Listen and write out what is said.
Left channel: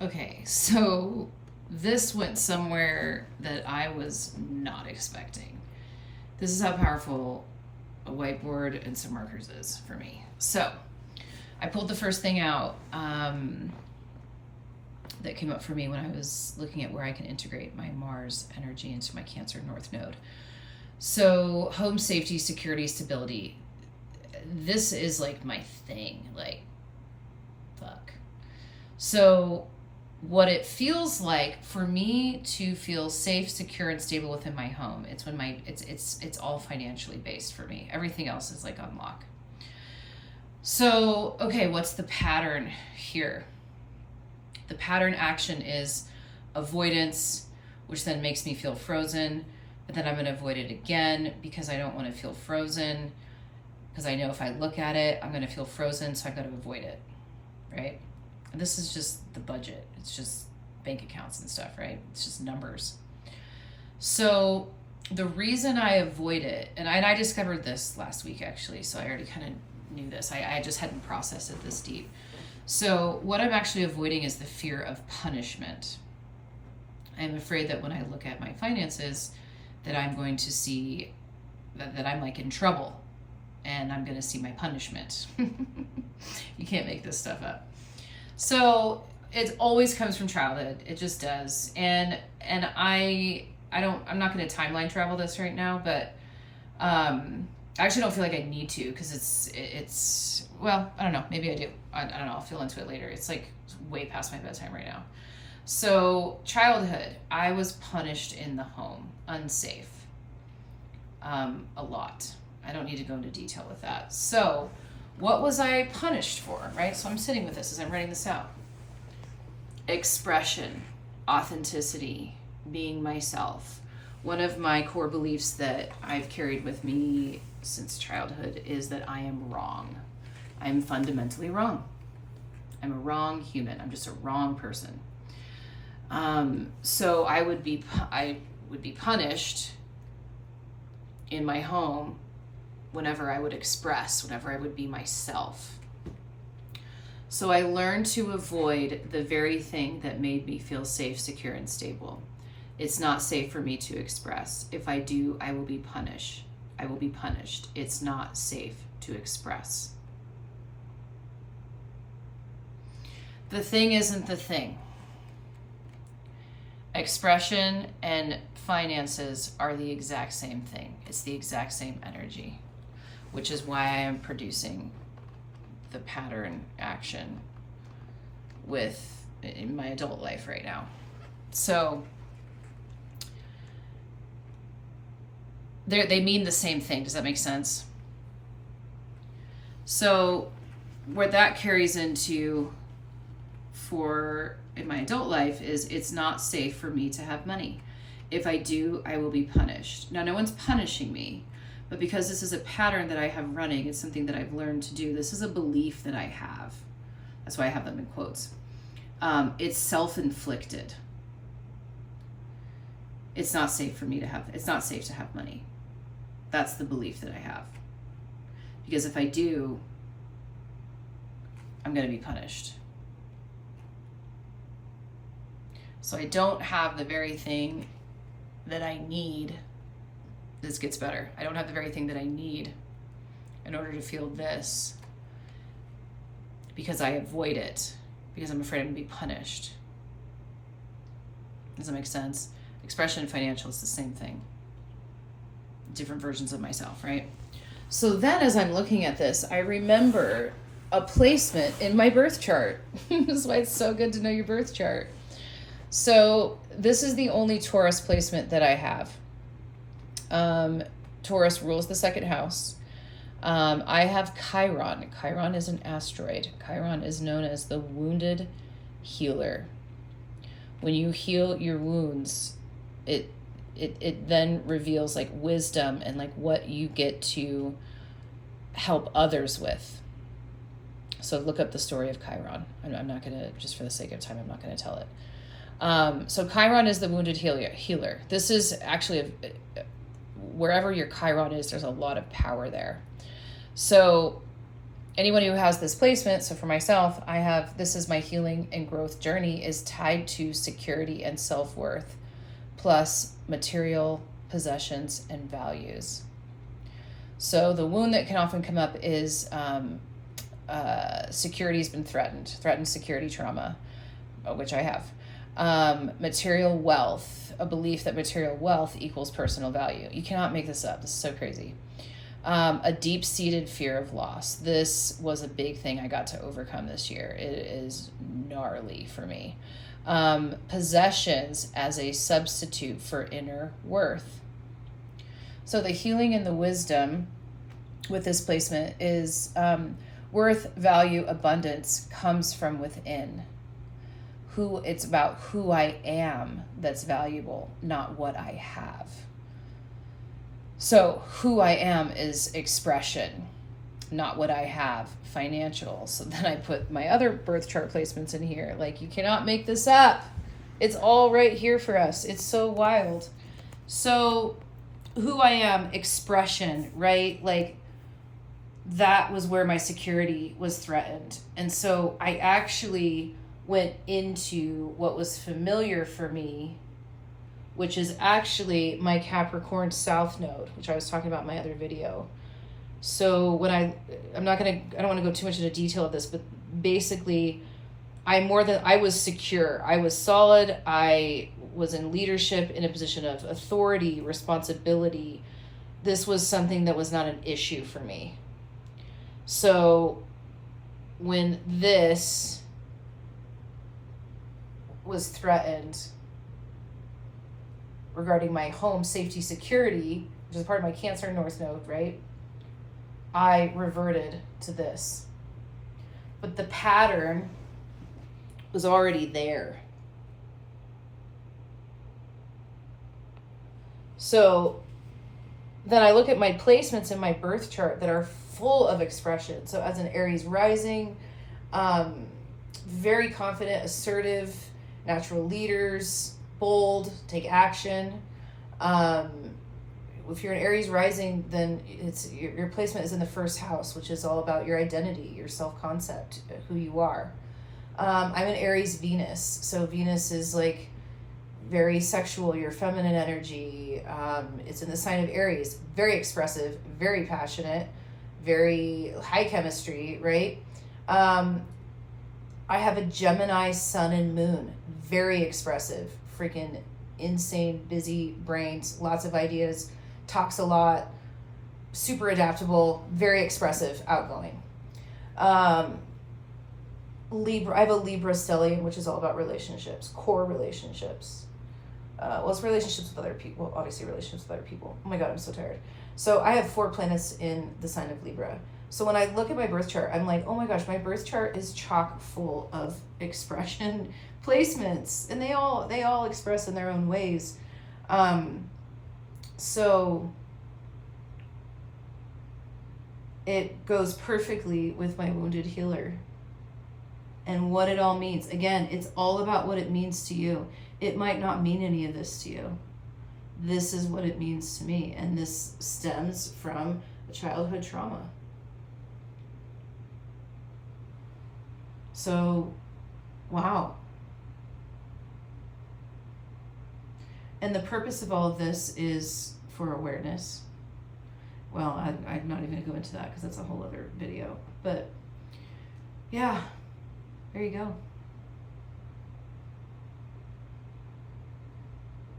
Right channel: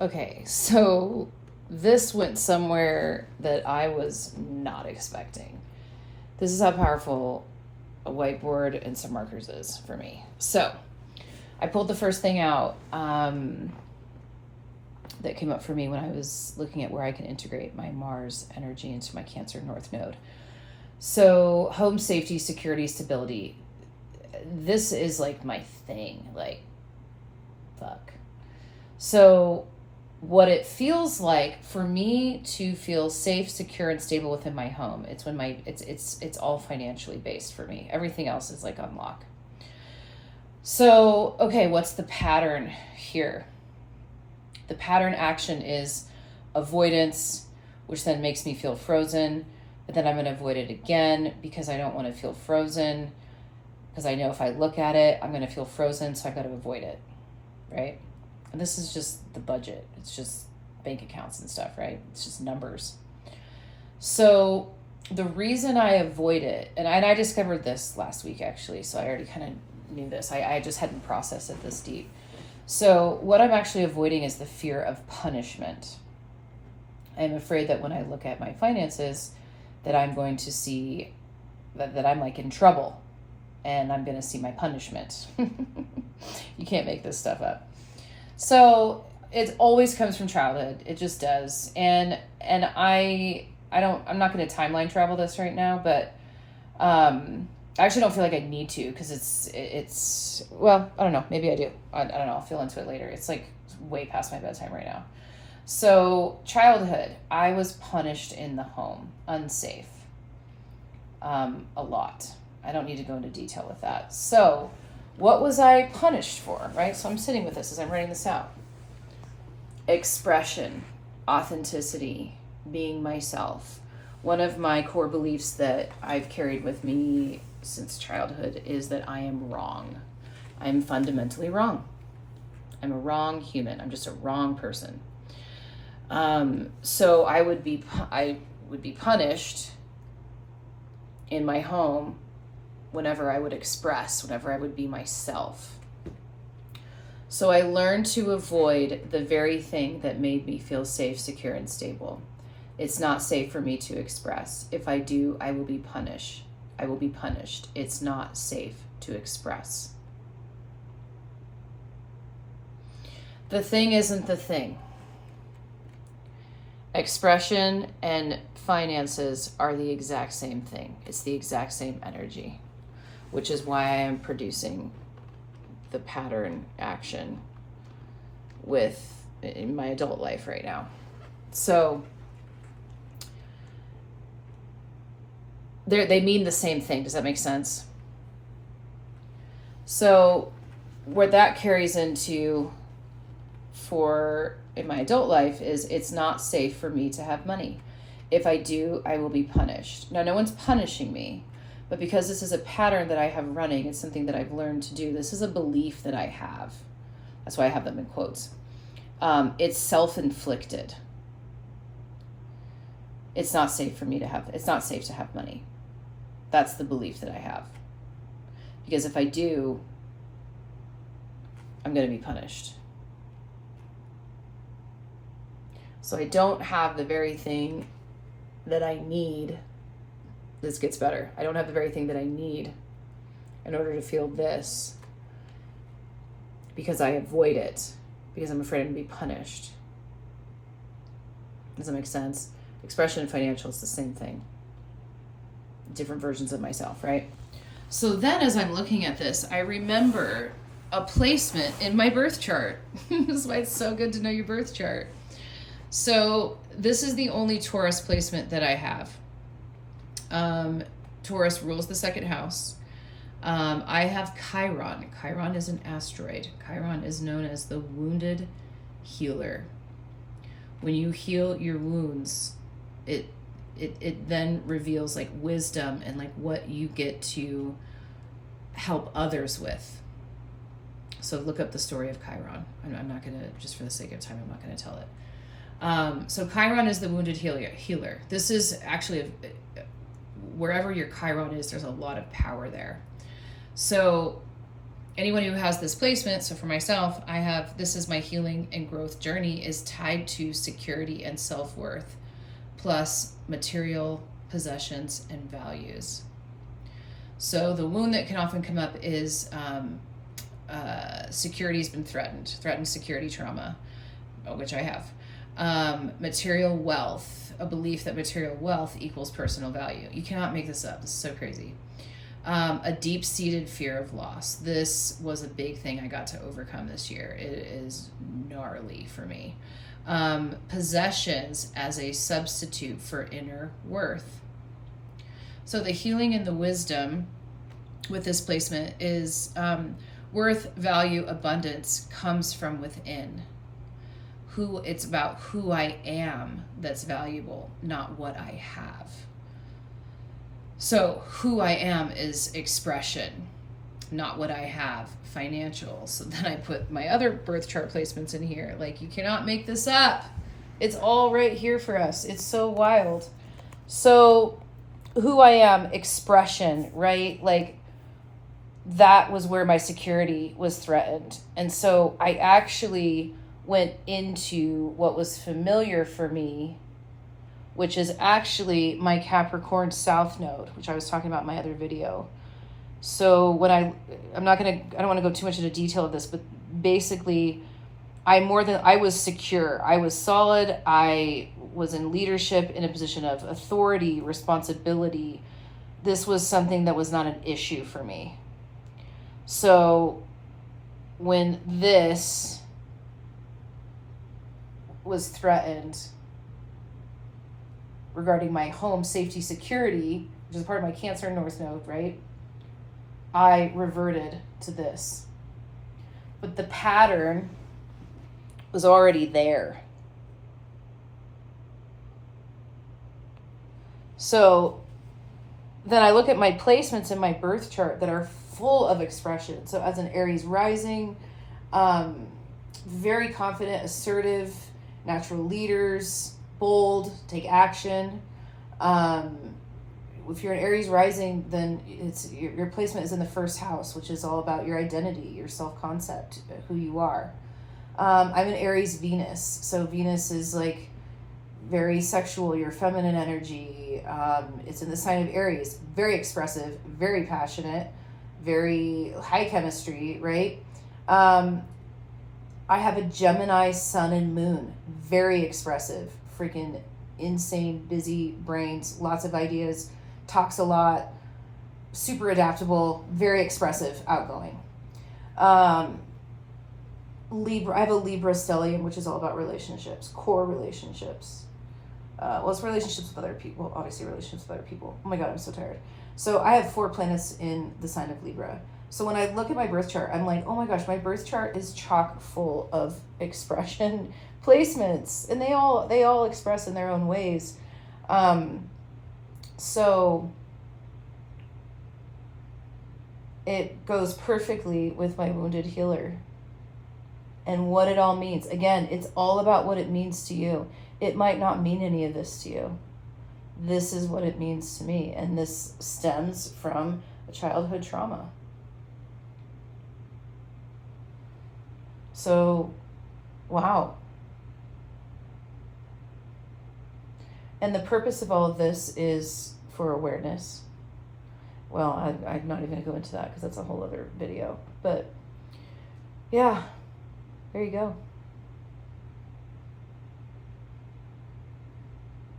Okay, so this went somewhere that I was not expecting. This is how powerful a whiteboard and some markers is for me. So I pulled the first thing out that came up for me when I was looking at where I can integrate my Mars energy into my Cancer North Node. So home safety, security, stability. This is like my thing. Like, fuck. So what it feels like for me to feel safe, secure, and stable within my home, it's when it's all financially based for me. Everything else is like unlock. So, okay, what's the pattern here? The pattern action is avoidance, which then makes me feel frozen, but then I'm going to avoid it again because I don't want to feel frozen, because I know if I look at it, I'm going to feel frozen, so I've got to avoid it, right? And this is just the budget. It's just bank accounts and stuff, right? It's just numbers. So the reason I avoid it, and I discovered this last week actually, so I already kind of knew this. I just hadn't processed it this deep. So what I'm actually avoiding is the fear of punishment. I'm afraid that when I look at my finances, that I'm going to see that I'm like in trouble, and I'm going to see my punishment. You can't make this stuff up. So it always comes from childhood. It just does. And I'm not going to timeline travel this right now, but I actually don't feel like I need to, because it's well, I don't know, maybe I do. I don't know, I'll feel into it later. It's like way past my bedtime right now. So childhood, I was punished in the home, unsafe, a lot. I don't need to go into detail with that. So what was I punished for, right? So I'm sitting with this as I'm writing this out. Expression, authenticity, being myself. One of my core beliefs that I've carried with me since childhood is that I am wrong. I'm fundamentally wrong. I'm a wrong human. I'm just a wrong person. So I would be punished in my home whenever I would express, whenever I would be myself. So I learned to avoid the very thing that made me feel safe, secure, and stable. It's not safe for me to express. If I do, I will be punished. It's not safe to express. The thing isn't the thing. Expression and finances are the exact same thing. It's the exact same energy, which is why I am producing the pattern action in my adult life right now. So they mean the same thing. Does that make sense? So where that carries into in my adult life is it's not safe for me to have money. If I do, I will be punished. Now, no one's punishing me, but because this is a pattern that I have running, it's something that I've learned to do. This is a belief that I have. That's why I have them in quotes. It's self-inflicted. It's not safe to have money. That's the belief that I have. Because if I do, I'm going to be punished. So I don't have the very thing that I need. This gets better. I don't have the very thing that I need in order to feel this, because I avoid it, because I'm afraid I'm going to be punished. Does that make sense? Expression and financial is the same thing. Different versions of myself, right? So then as I'm looking at this, I remember a placement in my birth chart. This is why it's so good to know your birth chart. So this is the only Taurus placement that I have. Taurus rules the second house. I have Chiron. Chiron is an asteroid. Chiron is known as the wounded healer. When you heal your wounds, it then reveals like wisdom and like what you get to help others with. So look up the story of Chiron. I'm not going to, just for the sake of time, I'm not going to tell it. So Chiron is the wounded healer. This is actually, wherever your Chiron is, there's a lot of power there. So anyone who has this placement, so for myself, I have, this is my healing and growth journey is tied to security and self-worth, plus material possessions and values. So the wound that can often come up is security has been threatened security trauma, which I have. Material wealth, a belief that material wealth equals personal value. You cannot make this up. This is so crazy. A deep-seated fear of loss. This was a big thing I got to overcome this year. It is gnarly for me. Possessions as a substitute for inner worth. So the healing and the wisdom with this placement is worth, value, abundance comes from within. It's about who I am that's valuable, not what I have. So who I am is expression, not what I have, financial. So then I put my other birth chart placements in here. Like, you cannot make this up. It's all right here for us. It's so wild. So who I am, expression, right? Like, that was where my security was threatened. And so I actually went into what was familiar for me, which is actually my Capricorn South Node, which I was talking about in my other video. So when I don't want to go too much into detail of this, but basically I was secure. I was solid. I was in leadership, in a position of authority, responsibility. This was something that was not an issue for me. So when this was threatened regarding my home safety security, which is part of my Cancer North Node, right? I reverted to this. But the pattern was already there. So then I look at my placements in my birth chart that are full of expression. So as an Aries rising, very confident, assertive, natural leaders, bold, take action. If you're an Aries rising, then it's your placement is in the first house, which is all about your identity, your self-concept, who you are. I'm an Aries Venus, so Venus is like very sexual, your feminine energy. It's in the sign of Aries, very expressive, very passionate, very high chemistry, right? I have a Gemini sun and moon, very expressive, freaking insane, busy brains, lots of ideas, talks a lot, super adaptable, very expressive, outgoing. Libra, I have a Libra stellium, which is all about relationships, core relationships. It's relationships with other people, well, obviously relationships with other people. Oh my God, I'm so tired. So I have 4 planets in the sign of Libra. So when I look at my birth chart, I'm like, oh my gosh, my birth chart is chock full of expression placements, and they all express in their own ways. So it goes perfectly with my wounded healer and what it all means. Again, it's all about what it means to you. It might not mean any of this to you. This is what it means to me, and this stems from a childhood trauma. So, wow. And the purpose of all of this is for awareness. Well, I'm not even going to go into that because that's a whole other video. But, yeah, there you go.